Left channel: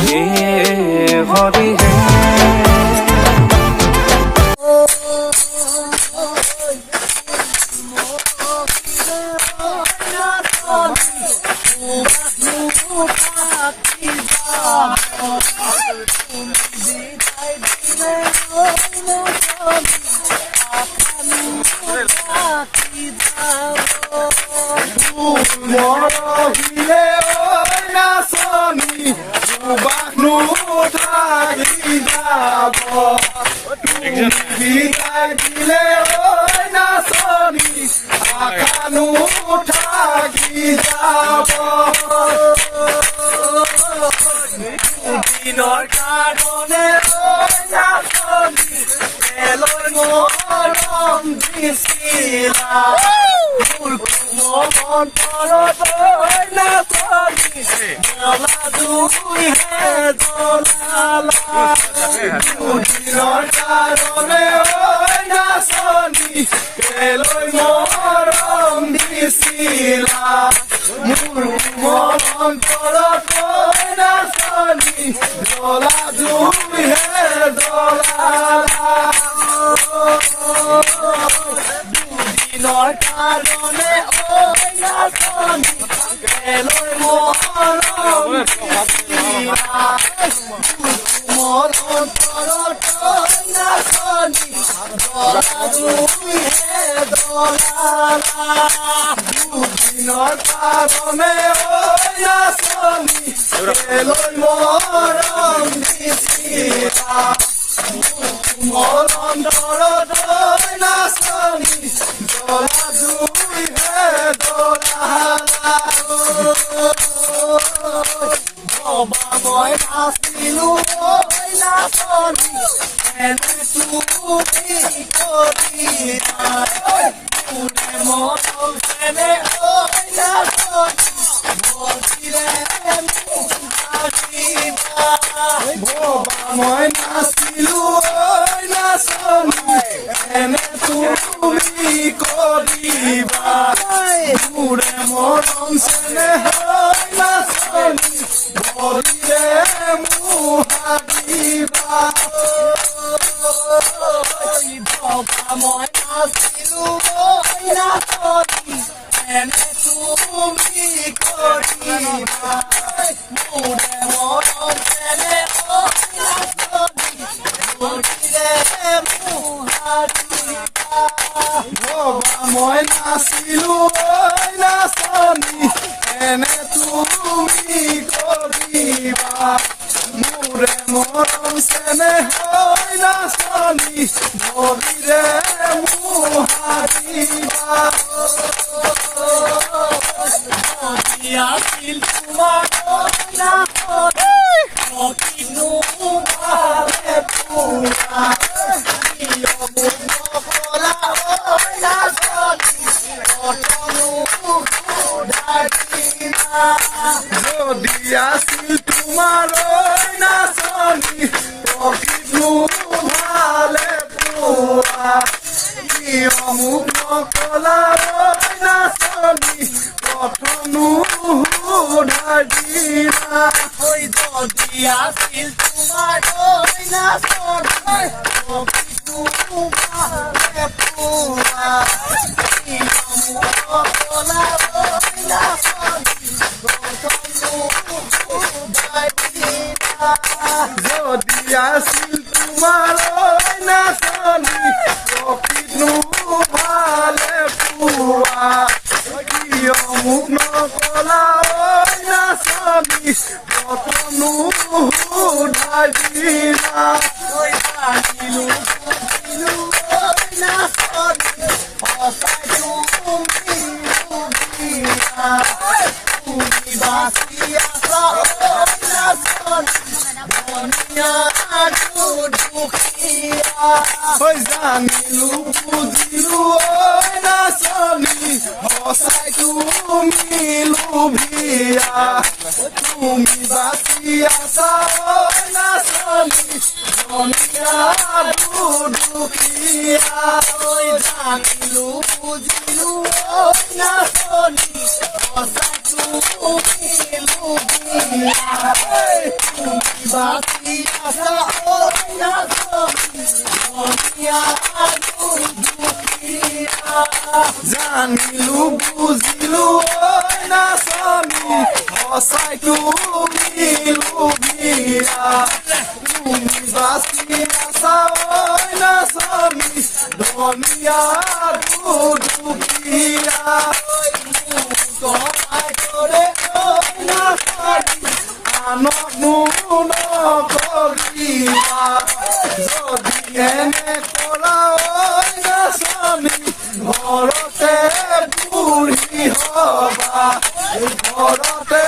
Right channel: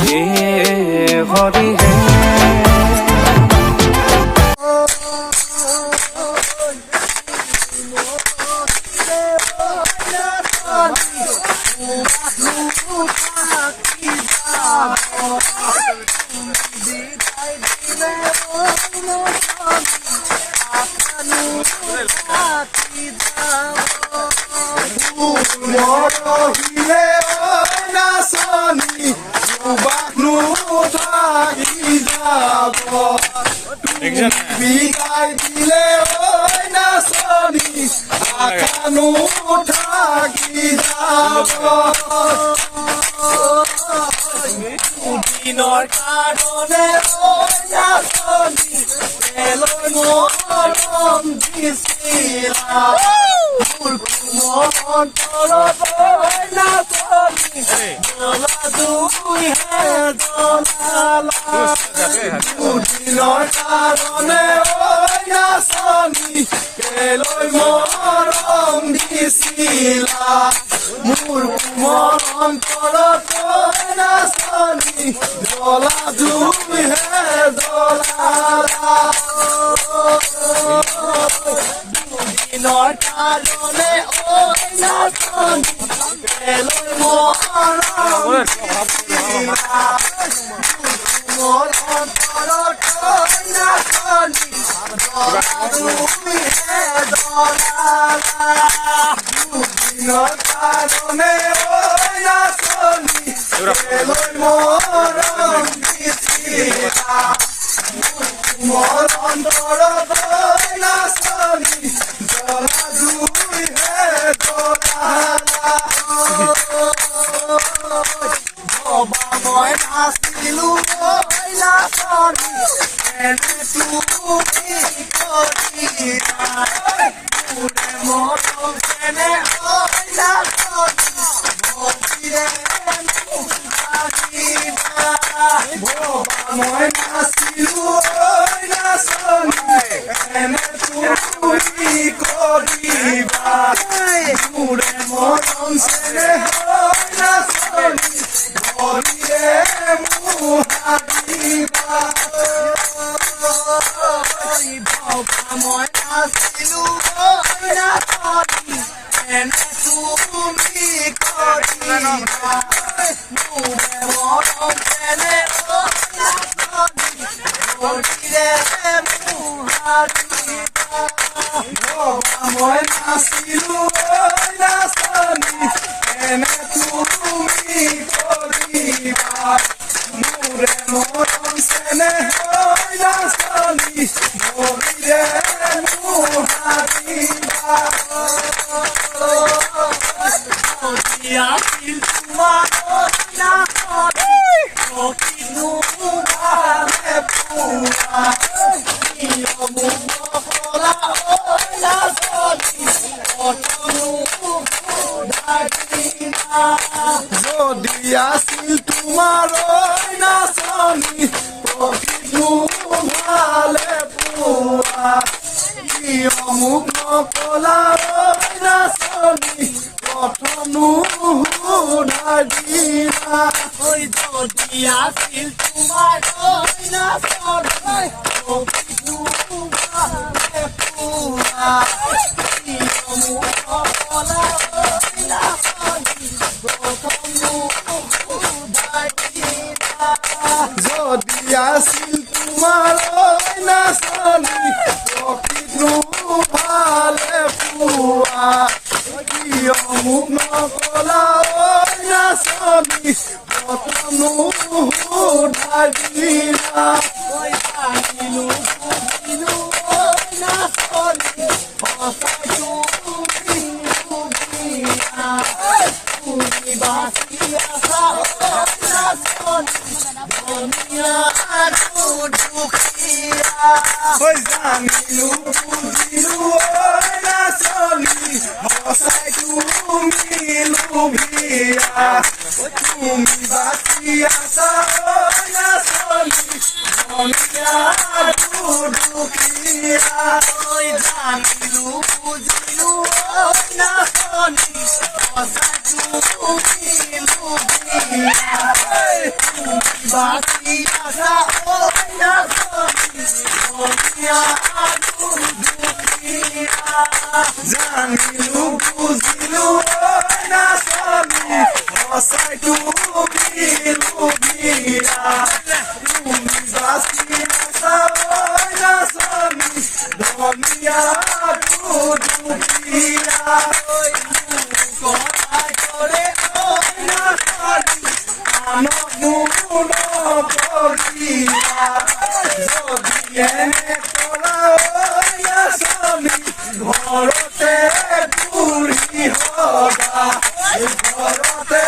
হে হৰি হে মৰহিলে ঐ নাচনী সুবাসনো থাকি যাব তুমি বিদায় দিলে ঐ নাচনী আশানো থাকি যাব দিনৰ কাৰণে ঐ নাচনী এলৈ মৰম দিছিলা দুদিনৰ কাৰণে ঐ নাচনী এলৈ মৰম দিছিলা মোৰ কোমল অন্তৰত ঐ নাচনী জ্বলা জুইহে জ্বলালা দুদিনৰ কাৰণে ঐ নাচনী এলৈ মৰম দিছিলা মোৰ অন্তৰত ঐ নাচনী জ্বলা জুইহে জ্বলালা দুদিনৰ কাৰণে ঐ নাচনী এলৈ মৰম দিছিলা মোৰ অন্তৰত ঐ নাচনী জ্বলা জুইহে জ্বলালা মই নাচিলো ঐ নাচনী এনে তুমি কৰিবা মোৰে মৰম এনে ঐ নাচনী মই নাচিলো ঐ নাচনী এনে তুমি কৰিবা মোৰে মৰম চেনেহ নাচনী ভৰিৰে মুহাৰিবা মই নাচিলো ঐ নাচনী এনে তুমি কৰিবা মোৰে মৰম চেনেহ মই নাচিলো ঐ নাচনী এনে তুমি কৰিবা মোৰে মৰম চেনেহ নাচনী ভৰিৰে মুহাৰিবা আছিল তোমাৰ যদি আছিল তোমাৰ ঐ নাচনী প্ৰকৃতনো ভালে পোৱা কিয় মোক নকলা ঐ নাচনী প্ৰথমনো সোধাই দিলা যদি আছিল তোমাৰ ঐ নাচনী প্ৰকৃতনো ভালে পোৱা যদি আছিল তোমাৰ ঐ নাচনী প্ৰকৃতনো ভালে পোৱা কিয় মোক নকলা ঐ নাচনী প্ৰথমনো সোধাই দিলা তুমি বাচি আছা জানিলো বুজিলো ঐ নাচনী সঁচাই তুমি লোভিয়া তুমি বাচি আছা ঐ নাচনী ধনিয়া দুখীয়া জানিলো বুজিলো ঐ নাচনী সঁচাই তুমি লোভিয়া বাতি আছা ঐ নাচনী ধনিয়া দুখীয়া জানিলো বুজিলো ঐ নাচনী সঁচাই তুমি লোভীয়া তুমি বাচি নাচা ঐ নাচনী ধনিয়া দুখীয়া সহায় কৰে ঐ নাচনী আনক নকৰিবা যদি এনে কৰা ঐ নাচনী ঘৰতে বুঢ়ী হবা ঘৰতে